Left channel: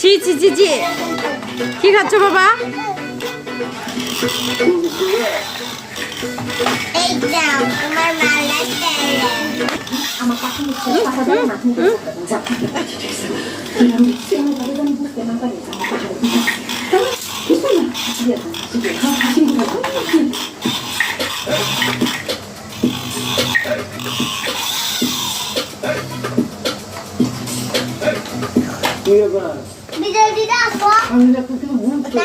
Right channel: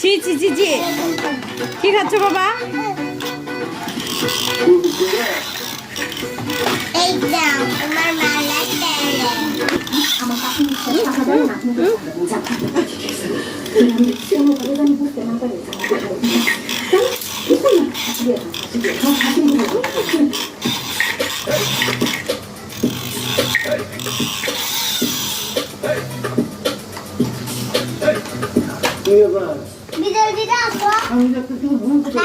ছি ছি ছি ছি। কি খাচ্ছ বাবা? আমার 남자 시험을 가려다니 볼때 나가야 무슨 말이야? 지금 가신 거 이거 봐. 믿어 믿어 뭐? 상자 뜯기도 못 뜯어.